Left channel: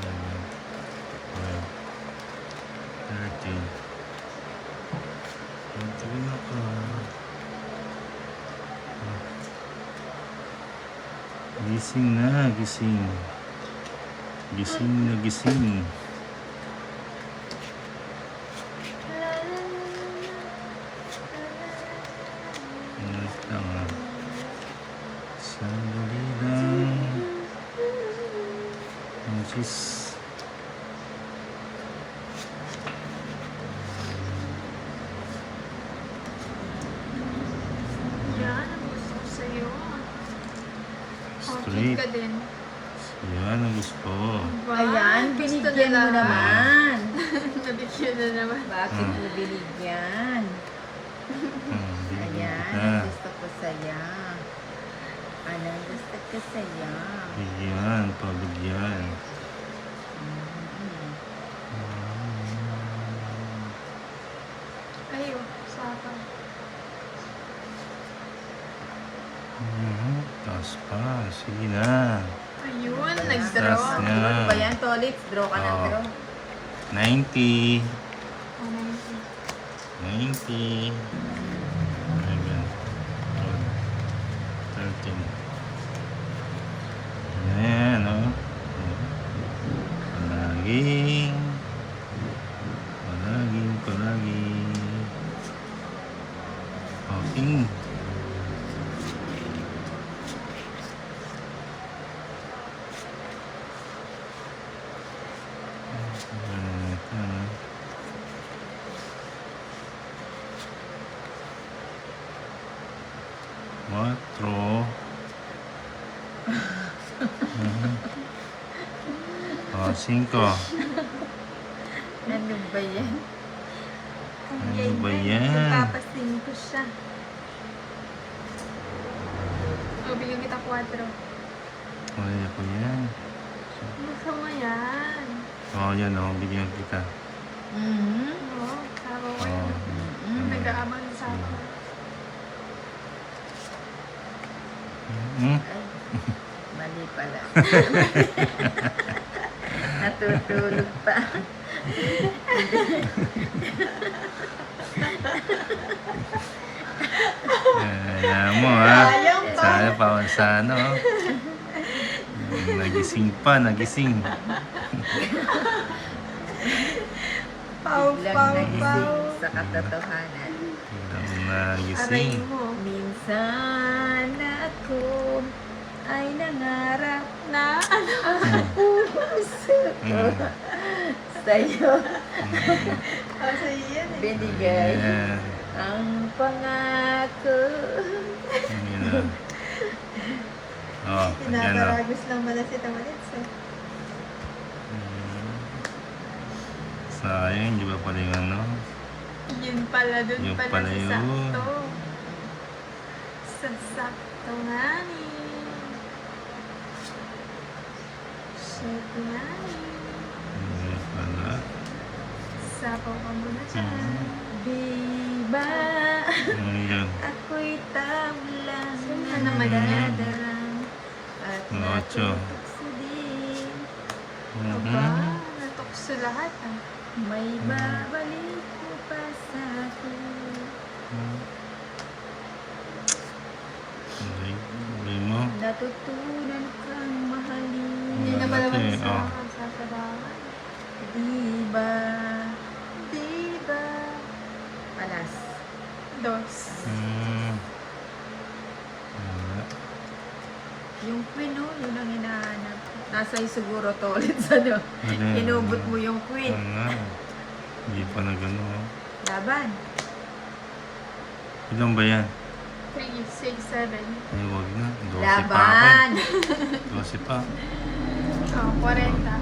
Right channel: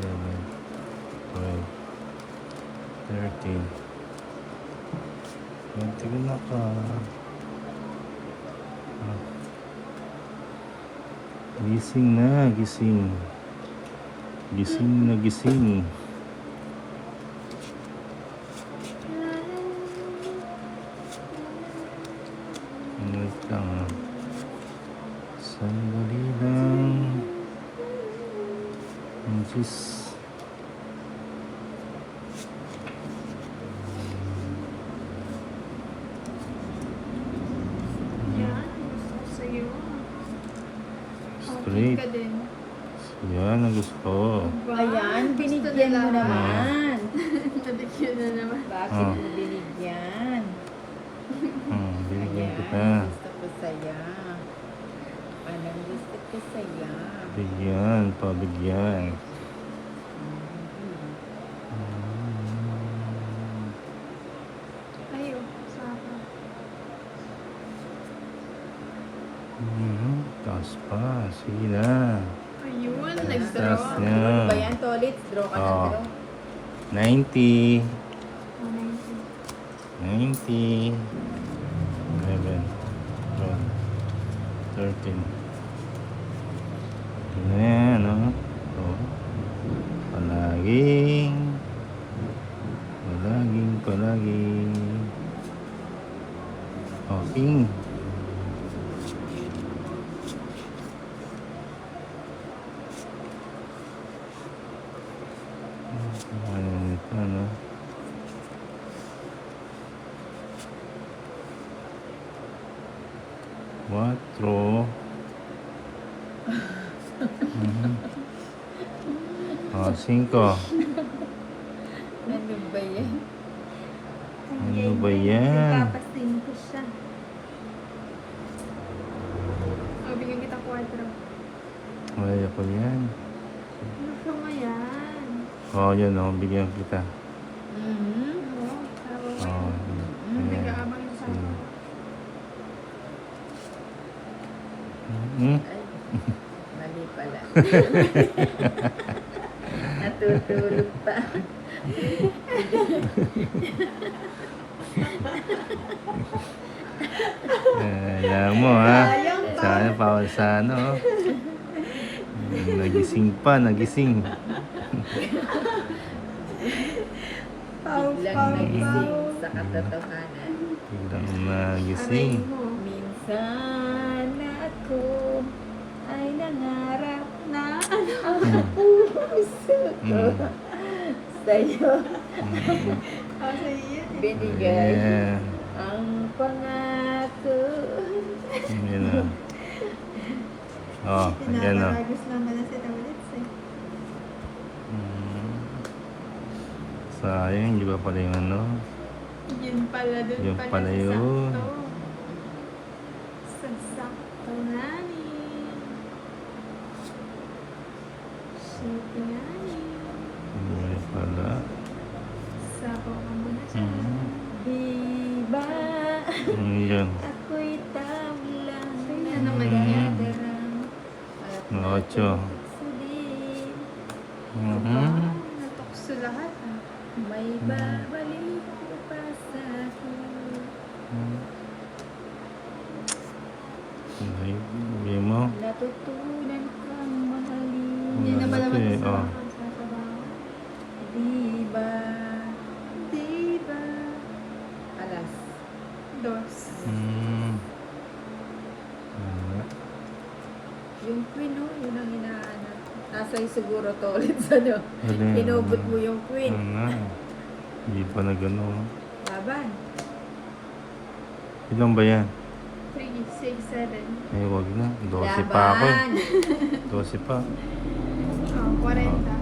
11, 12, 13. Tignan na ka. Gising na, gising. Gising na, gising. Wait lang ah. Sandali lang. Ang Diyos. Straight. Ka din. Yan ang gusto ko. Ayan, Gusto binigyan nila. mo naman. Nabigyan na naman. Bakit mo binigyan? Bigyan Ayan, kita. gusto ko saya. Anong gusto ko saya? Bigyan, pabigyan. Ay, usapan. Taas pa. Sige na. Ayun, Taas nag-draw. nga. Ba yan, Tolits? Draw ka ng Oh. draw. 90. Amazing. 90. 11. 12. 13. Yan, no? Oh. Palaging. Palaging, palaging. Okay. Ito, no? Cuatro. Cinco. Ano ba yan? Ano ba yan? Papasing ko siya. O, bigyan kita 4. Okay, ako yan. Masama yan. Oh, yan o. Bigyan kita. Mm-hmm. Oo, tama ba Oh. yan? Nag-aabang sa akin. Mali pala. Natutulog pa. Alam mo ha. Sana pa sa ano. Nagising pa, nagising. Biglang nagising sa katotohanan. Biglang Aray nagising. mo. Minsan ako ay nangarap na sa'yo Ah, sa'yo yan eh. binigay Yeah. ang pangako. Yun na. Oh, yan o. Pinakaragos lang pala si Tamalits eh. Sayang, di ba pala yung ano? Yun pala, dun Yun pala pala sa yun. sakto. Sa sakto nga ni. Shit nga ni. Hindi pala. Sapaw ka muna siya. Diba Ano yun? ako'y tawlang Sino naman yan? nadadarang at Ocho. natutukso din. Natukso lahat ah. May babalik mo pa sa akin. Hindi mo. Natutunan kang mahalin. Hindi Wala na pala natin, mag-isa oh. ang sasalaman. Diba? Diba? Alas. Dos. Wala. Yung queen, oh, yun ang hinahanap. Nasa siguro to ulit sa ano. Wala. Inubot mo yung queen. Wala. Hindi pa na gano'n. Laban. Ilan ba yan? 3, 6, 7. Ay, wag na. 12 pa ako. Laban. 12 pa. Oh, 40.